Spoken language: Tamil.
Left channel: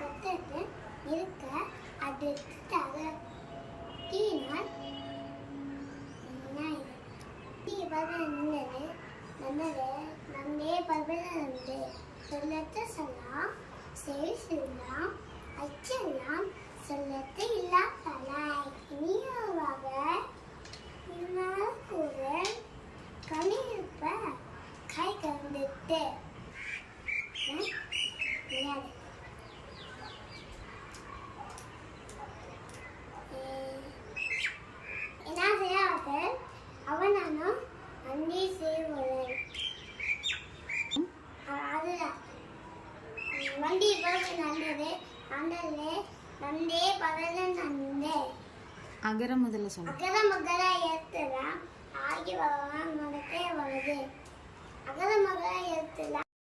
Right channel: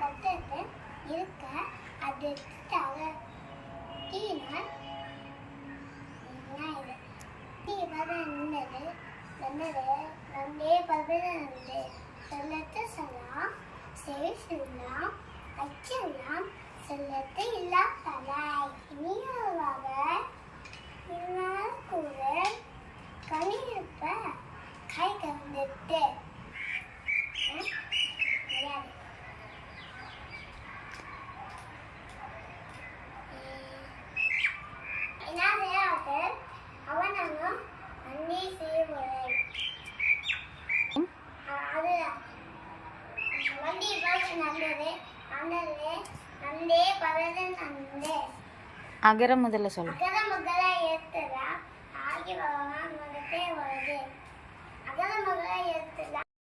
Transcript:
கத்துட்டு இருக்க அது தீனால் நீ நின்னது நன்னது நந்தே பதனது சொல்லத்தை சொல்லலாம் செய்யலாம் அச்செல்லாம் சொல்லத்தை இல்லா தலை இனியாக கூட கணியிருப்ப கை கண்டிட்டு என்ன செய்யாது அவனாலும் அன்னி செய்வது அது வண்டி போக நல்லது நல்லது நந்தே பதது நந்தே அகர முதல்ல சொல்லு. அகர முதல ஏத்துறா ஆகி வரலாம் வருது அகர முதல ஏத்துல